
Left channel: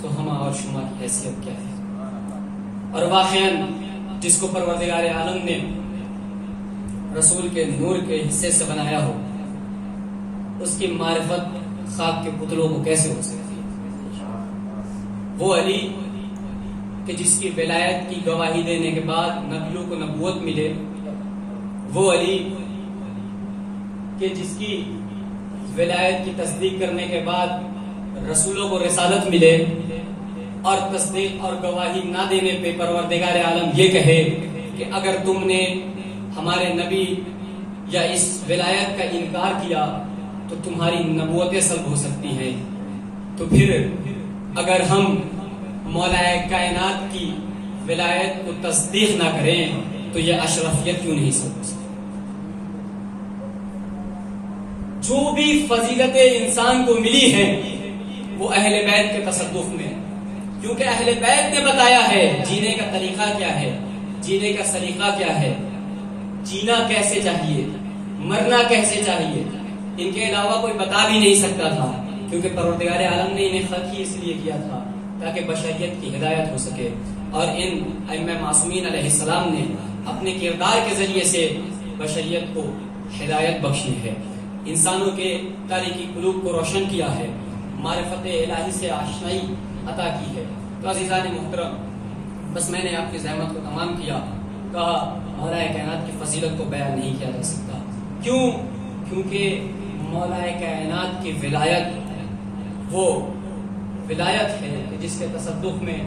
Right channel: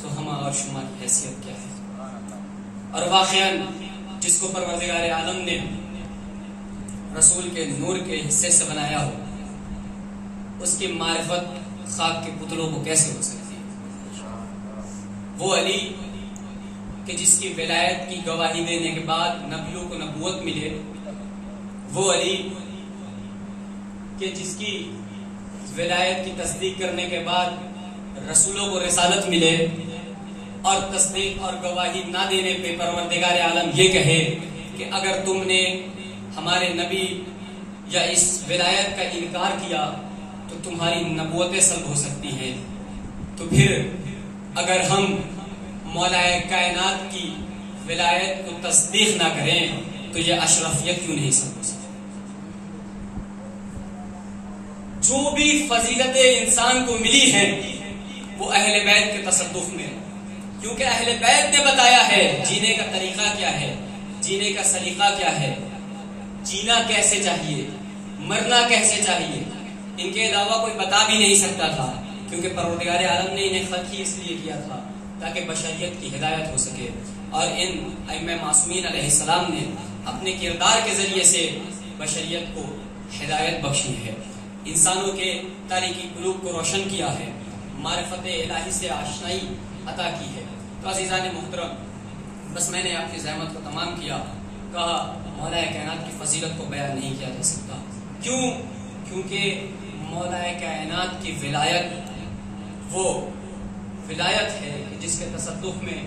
تو ہم اور شما کی حیثیت کیا ہے؟ اور واقعاً جس کو پروردگار عالم نے رسول کے نور کے حصے سے بنایا ہو، اس کی معرفت خاک کے پتلوں کو کیسے ہو سکتی ہے؟ وہ علی کہ جس کی ولایت کی گواہی دینے کے بعد نبیوں کو نبوت ملے، وہ علی کہ جس کی ولایت کی تصدیق کرنے کے بعد رسولوں کو رسالت ملے، اور تصدیق اور گواہی نہ دینے پہ پروردگار عالم یہ کہے کہ اگر تم نے ہمارے نبی یا اس ولایت کا انکار کیا تو تمہاری نبوتیں سلب ہو سکتی ہیں. تو پھر اگر ہم مولا کائنات کی ولایت کو تصدیق نہ کریں تو یہ اشرفیت کیوں نہیں سلب ہو سکتی؟ جو بھی فضیلتیں انسان کو ملی ہیں وہ اہل بیت کے تصدق میں، کیونکہ اہل بیت نے بتایا ہے جینے کا طریقہ کیا ہے، جینے کا سلیقہ کیا ہے، جینا کیسے چاہیے، مرنا کیسے چاہیے. ان کے علاوہ کوئی بتا بھی نہیں سکتا تھا، کیونکہ پروردگار عالم نے انہیں خلق ہی اس لیے کیا تھا تاکہ بشریت کی ہدایت ہو سکے. اور ان ائمہ معصومین علیہ السلام نے اپنے کردار کے ذریعے سے بشریت کو ہدایت بخشی ہے، انسانوں کے تاریکی قلوب کو روشن کیا ہے، معرفت الہی سے آشنائی عطا کی ہے. تو عزیزان محترم، بس میں نے آپ کی زحمت کو تمام کیا. کہا مولا کائنات کی فضیلت کو بیان نہیں کیا جا سکتا. کیوں؟ کیونکہ مولا کائنات کی ولایت وہ ولایت ہے کہ جس کے تصدق میں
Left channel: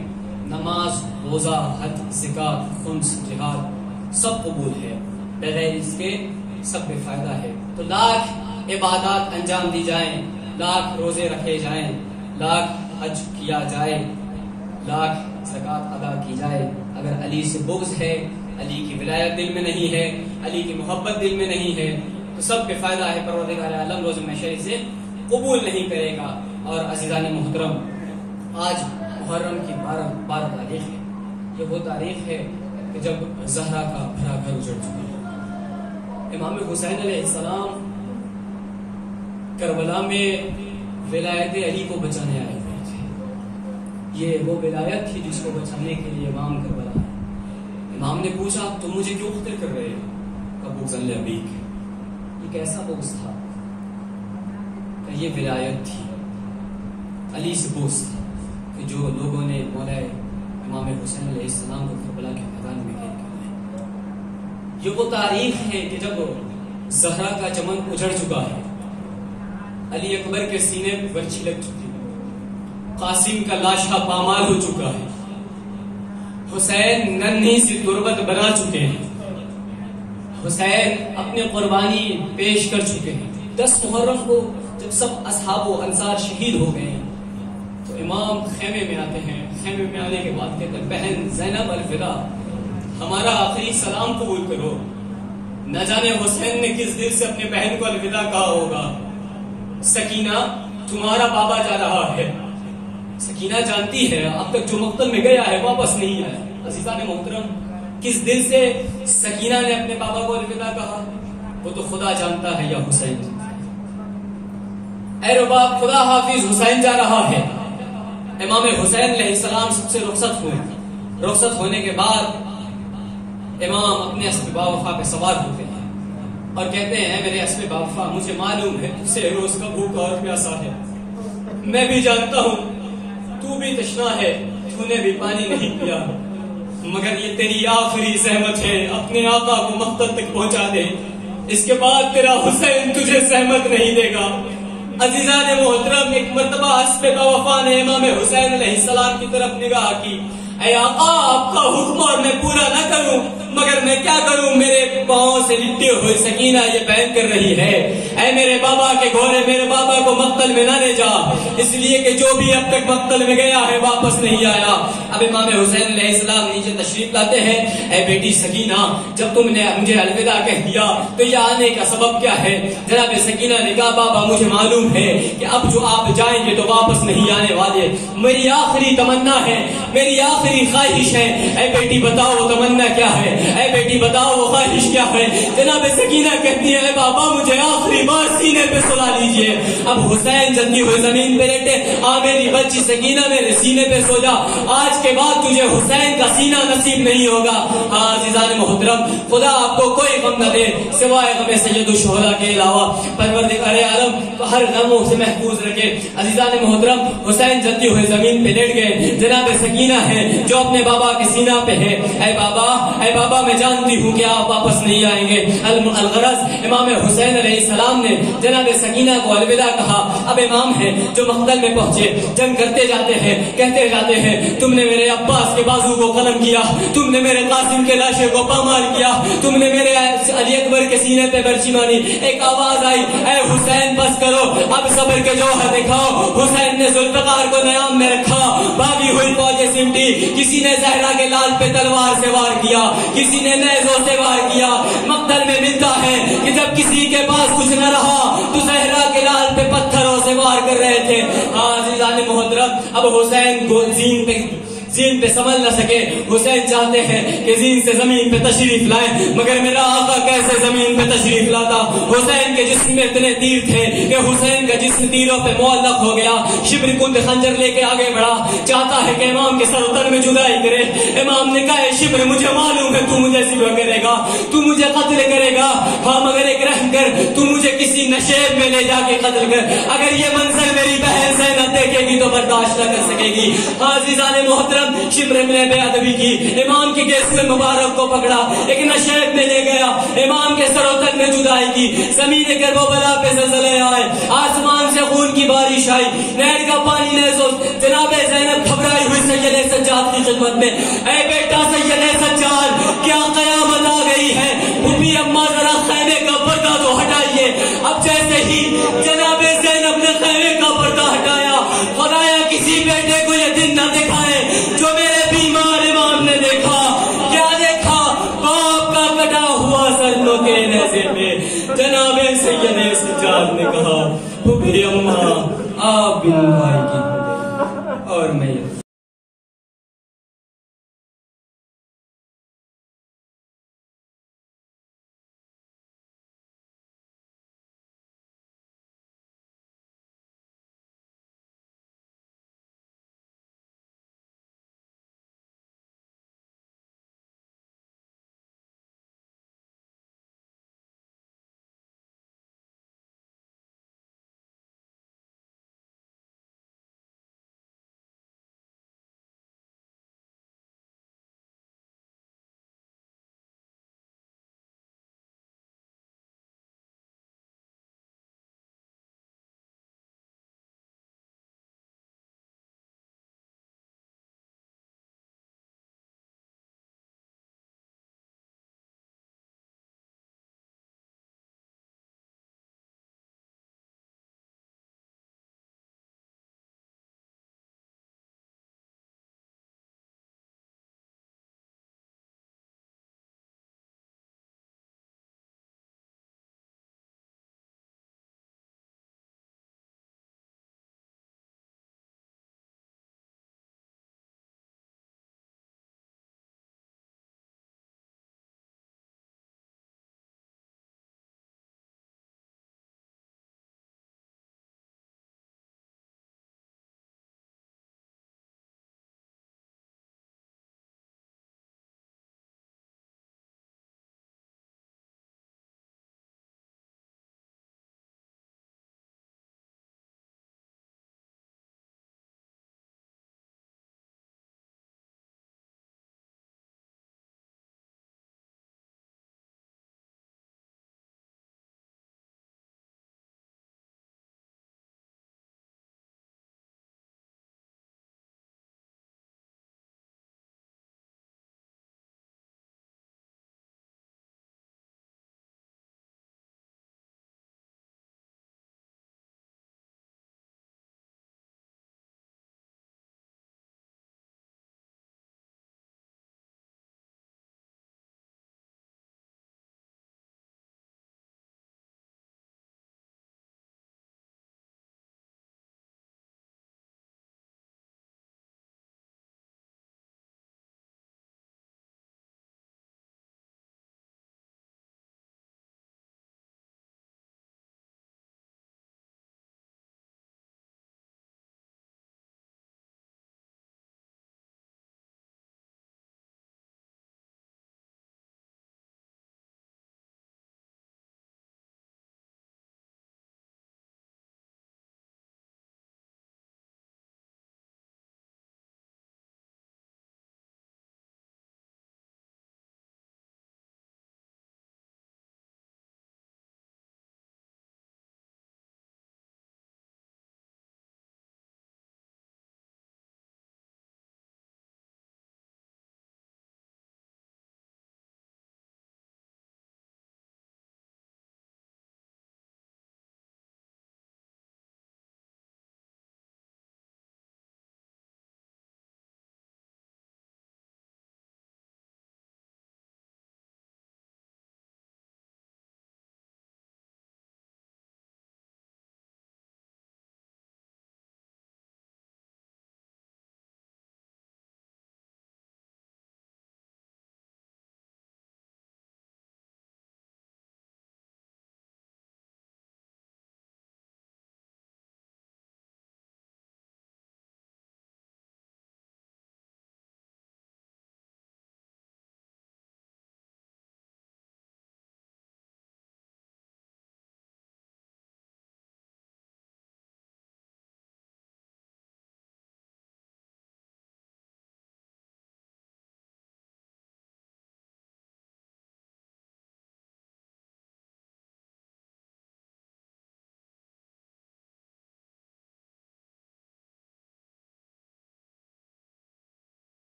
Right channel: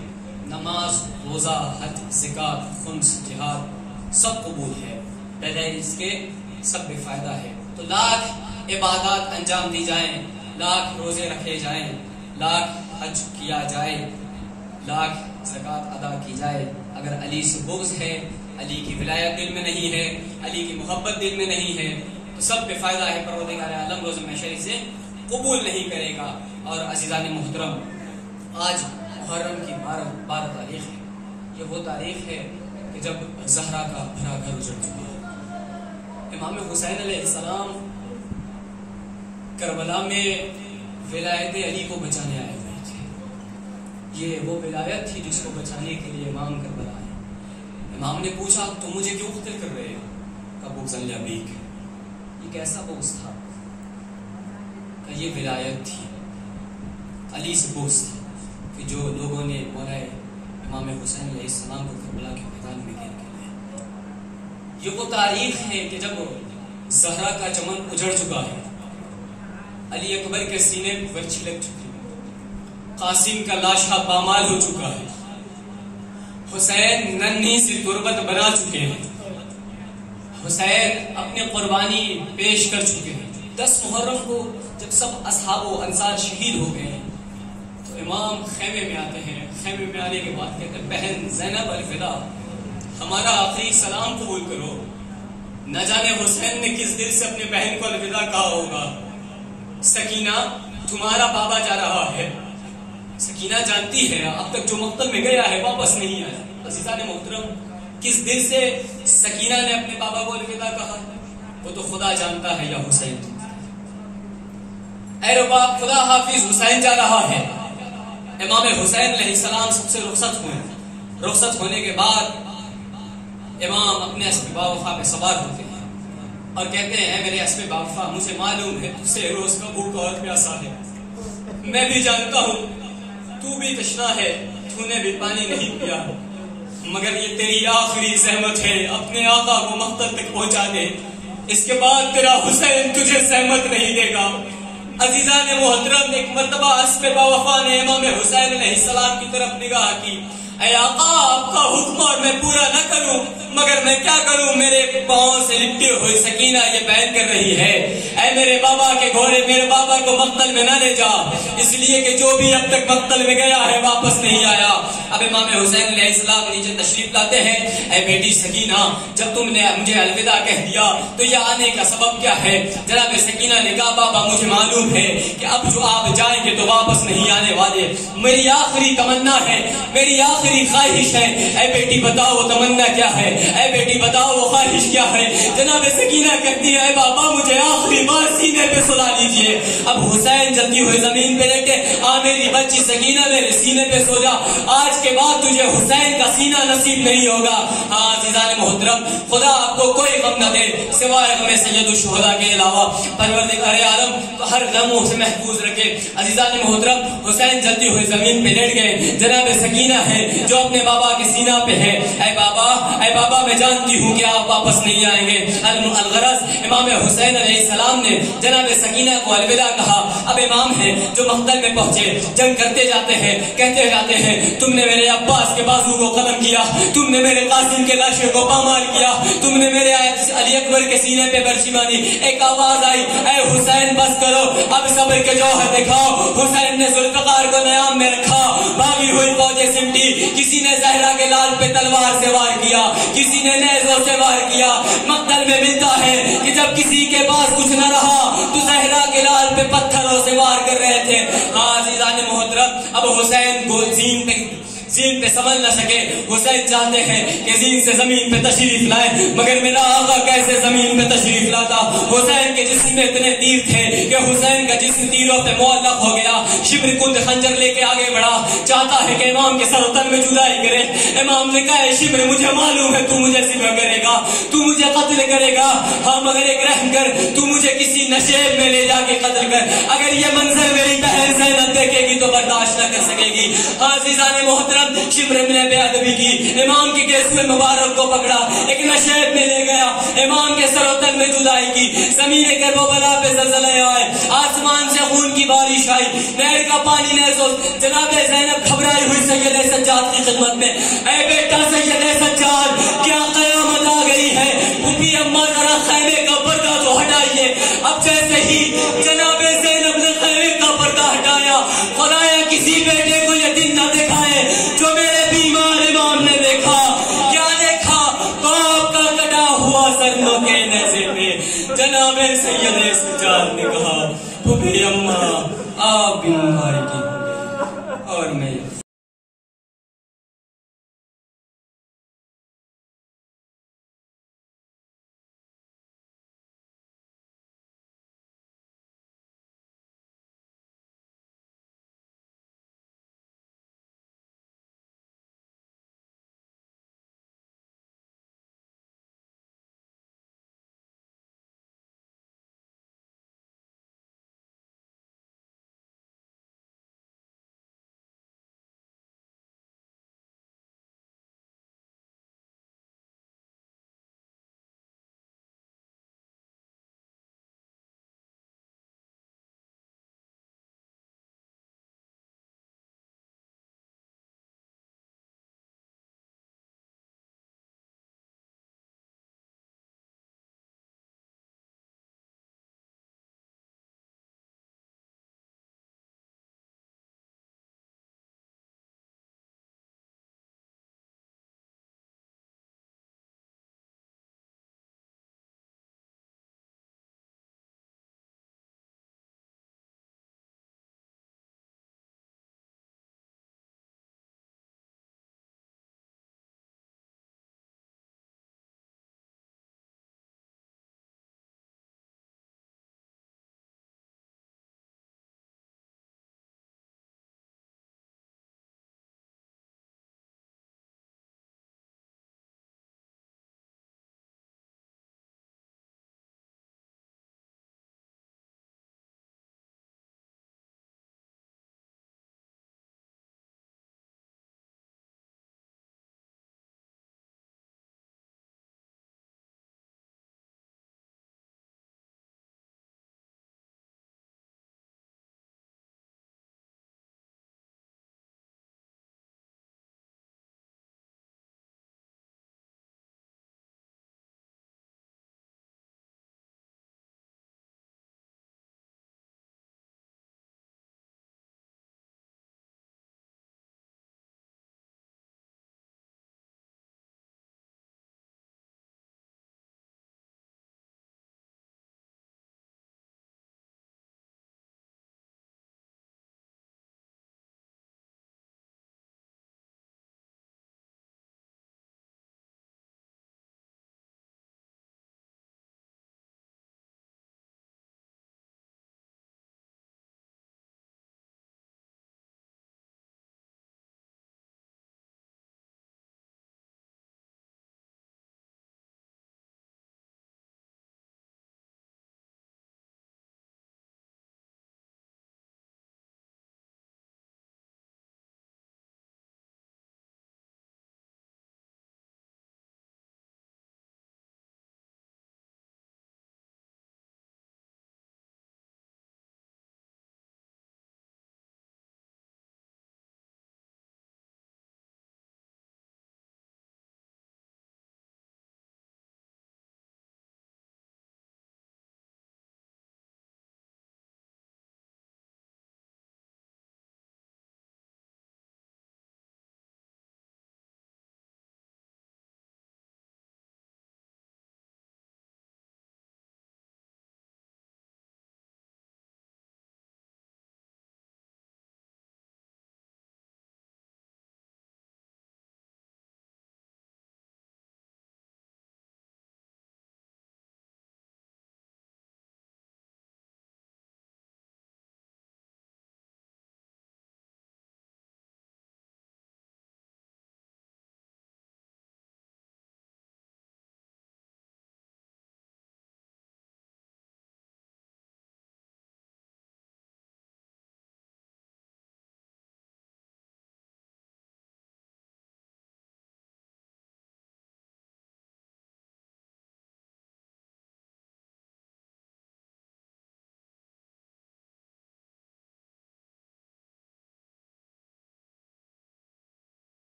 نماز، روزہ، حج، زکات، خمس، جہاد سب قبول ہے، بغیر اس کے سب بے فائدہ ہے. تو لاکھ عبادات انجام دی جائیں، لاکھ روزے رکھے جائیں، لاکھ حج کیا جائے، لاکھ زکات ادا کی جائے، اگر علی سے بغض ہے، علی کی ولایت دل میں نہیں ہے، علی کی محبت دل میں نہیں ہے، تو سب بے فائدہ ہے. پروردگار عالم روز محشر سے قبول نہیں کرے گا. اور عزیزان محترم، آج محرم کی 12 تاریخ ہے. یہ وہ تاریخ ہے کہ جب زہرا کا بھرا گھر اجڑ چکا ہے. امام حسین علیہ السلام کربلا میں ولایت علی کو بچانے آئے ہوئے تھے. یہ وہ ولایت تھی جس کو بچانے کے لیے امام کربلا ہے. امام نے پوچھا تم مجھے کیوں قتل کر رہے ہو؟ ابو ذل ابیک. ایک ایسا بغض تھا کہ یہ ولایت تھی، علی سے بغض تھا کہ جو لوگوں نے مولا امام حسین علیہ السلام کو کربلا کے میدان میں گھیر کر دیا۔ یہ وہ تاریخ ہے کہ جب زہرا کا چمن اجڑ چکا ہے، علی اکبر کے سینے پر برچھی لگ چکی ہے، قاسم کا لاشا پامال ہو چکا ہے، حسین ننھی سی تربت بنا چکے ہیں، حسین اپنی قربانی پیش کر چکے ہیں۔ 10 محرم کو جب سب اصحاب و انصار شہید ہو گئے ہیں تو امام خیمے میں آتے ہیں، خیمے میں آنے کے بعد کہتے ہیں بہن زینب الفدا ہمارا آخری سلام قبول کرو۔ نہ جانے حسین نے کس دل سے اپنے بہن کو الوداع کہا ہوگا۔ سکینہ تمہارا بابا جا رہا ہے، سکینہ جانتی ہے اب تک جو مقتل میں گیا ہے واپس نہیں آیا۔ عزیزان محترم، کس دل سے سکینہ نے اپنے بابا کو الوداع کہا وہ تو خدا جانتا ہے یا حسین جانتا ہے۔ اے رباب خدا حافظ، حسین جا رہا ہے۔ امام حسین علیہ السلام سب سے رخصت ہوئے، رخصت ہونے کے بعد امام اپنے اسب باوفا پہ سوار ہوتے ہیں اور کہتے ہیں اے میرے اسب باوفا، مجھے معلوم ہے تجھ سے روز کا بھوکا اور پیاسا ہے، میں بھی جانتا ہوں تو بھی تشنا ہے، تو نے بھی پانی نہیں پیا، مگر یہ تیری آخری زحمت ہے، اپنے آقا کو مقتل تک پہنچا دے، اس کے بعد تیرا حسین تجھے زحمت نہیں دے گا۔ عزیزان محترم، ایک مرتبہ اسب باوفا نے امام حسین علیہ السلام کی طرف نگاہ کی، اے آقا آپ کا حکم اور میں پورا نہ کروں مگر میں کیا کروں، میرے پاؤں سے لپٹی ہوئی سکینہ یہ بیان کر رہی ہے اے میرے بابا کے گھوڑے میرے بابا کو مقتل میں نہ لے جا، اس لیے کہ جو بھی اب تک مقتل میں گیا ہے واپس نہیں آیا۔ اب امام حسین علیہ السلام نیچے تشریف لاتے ہیں، اے بیٹی سکینہ جب تم نے مجھے الوداع کہہ دیا تو یہ آنے کا سبب کیا ہے؟ جناب سکینہ نے کہا بابا مجھے معلوم ہے کہ اب جو آپ جائیں گے تو واپس نہیں آنے والے، میری آخری تمنا ہے، میری آخری خواہش ہے۔ اے بیٹی بتاؤ وہ تمنا کیا ہے؟ اے بیٹی بتاؤ وہ خواہش کیا ہے؟ جناب سکینہ کہتی ہے اے بابا مجھے آخری بار سینے پہ سلا لیجئے۔ اب حسین جلدی ہوئے زمین پہ لیٹے، میری بچی سکینہ میرے سینے پہ سو جا، آج کے بعد تجھے حسین کا سینہ نصیب نہیں ہوگا۔ عزیزان محترم، خدا آپ کو کوئی غم نہ دے سوائے غم سید الشہداء کے علاوہ، پروردگار عالم تو ہر غموں سے محفوظ رکھے۔ عزیزان محترم، حسین جلدی ہوئے زمین پہ لیٹ گئے، جناب سکینہ ہے جو اپنے بابا کے سینہ پہ ہے، اے بابا میں جانتی ہوں کہ آپ واپس نہیں آئیں گے۔ الغرض امام حسین علیہ السلام نے جناب سکینہ کو الوداع کہا۔ اب امام ہے جو مقتل میں پہنچے، جنگ کرتے جاتے ہیں، کہتے جاتے ہیں تم نے میرے عباس کے بازو کو قلم کیا، تم نے میرے قاسم کے لاشے کو پامال کیا، تم نے میرے علی اکبر کے سینے پہ برچی ماری۔ ایک آواز آئی اے حسین بس کرو، اب صبر کے جوہر دکھاؤ۔ حسین نے ذوالفقار کو نیام میں رکھا، بھاگی ہوئی فوجیں سمٹی، کسی نے زہرا کے لال پہ تلوار سے وار کیا، کسی نے نیزوں سے وار کیا۔ مقتل میں ملتا ہے کہ جب کسی کے پاس کچھ نہ رہا تو زہرا کے لال پہ پتھروں سے وار کر رہے تھے۔ عزیزان محترم، اب حسین کو زین پہ سنبھل نہ سکے، حسین چاہتے ہیں کہ زین سے زمین پہ تشریف لائیں، مگر میرا آقا کیسے زمین پہ تشریف لاتا؟ حسین کے جسم میں اتنے تیر تھے کہ حسین کا جسم تیروں پہ معلق ہو گیا۔ شبر کند خنجر لے کے آگے بڑھا، چاہتا ہے کہ امام کے سر و تن میں جدائی کرے۔ امام نے کہا شبر مجھے معلوم ہے تو مجھے ذبح کرے گا، تو مجھے قتل کرے گا، ہاں مگر ایک رحم کر، تو مجھے کسی نشیب میں لے جا کے قتل کر، اگر یہ منظر میری بہن زینب دیکھے گی تو برداشت نہ کر سکے گی۔ عزیزان محترم، شبر نے بے ادبی کی، امام کی گیسو مبارک کو پکڑا، ایک نشیب میں لے گیا، امام کے سر و تن میں جدائی کی، زمین کربلا پہ زلزلے آئے، آسمان سے خون کی بارش آئی، نہر کا پانی نیزوں، جناب زینب گھبرائی ہوئی سید سجاد کی خدمت میں، اے بیٹا سید سجاد کیا قیامت آ گئی ہے؟ پھوپھی اماں ذرا خیمے کا پردہ تو ہٹائیے۔ اب جیسے ہی جناب زینب نے خیمے کا پردہ ہٹایا، خدایا کسی بیٹے کو یہ دن نہ دکھائے جو میرے بیمار امام نے دیکھا۔ کیا دیکھا؟ باپ کا کٹا ہوا سر کے نیزے پہ۔ جناب سید سجاد نے کہا پھوپھی اماں آپ بن بھائی کی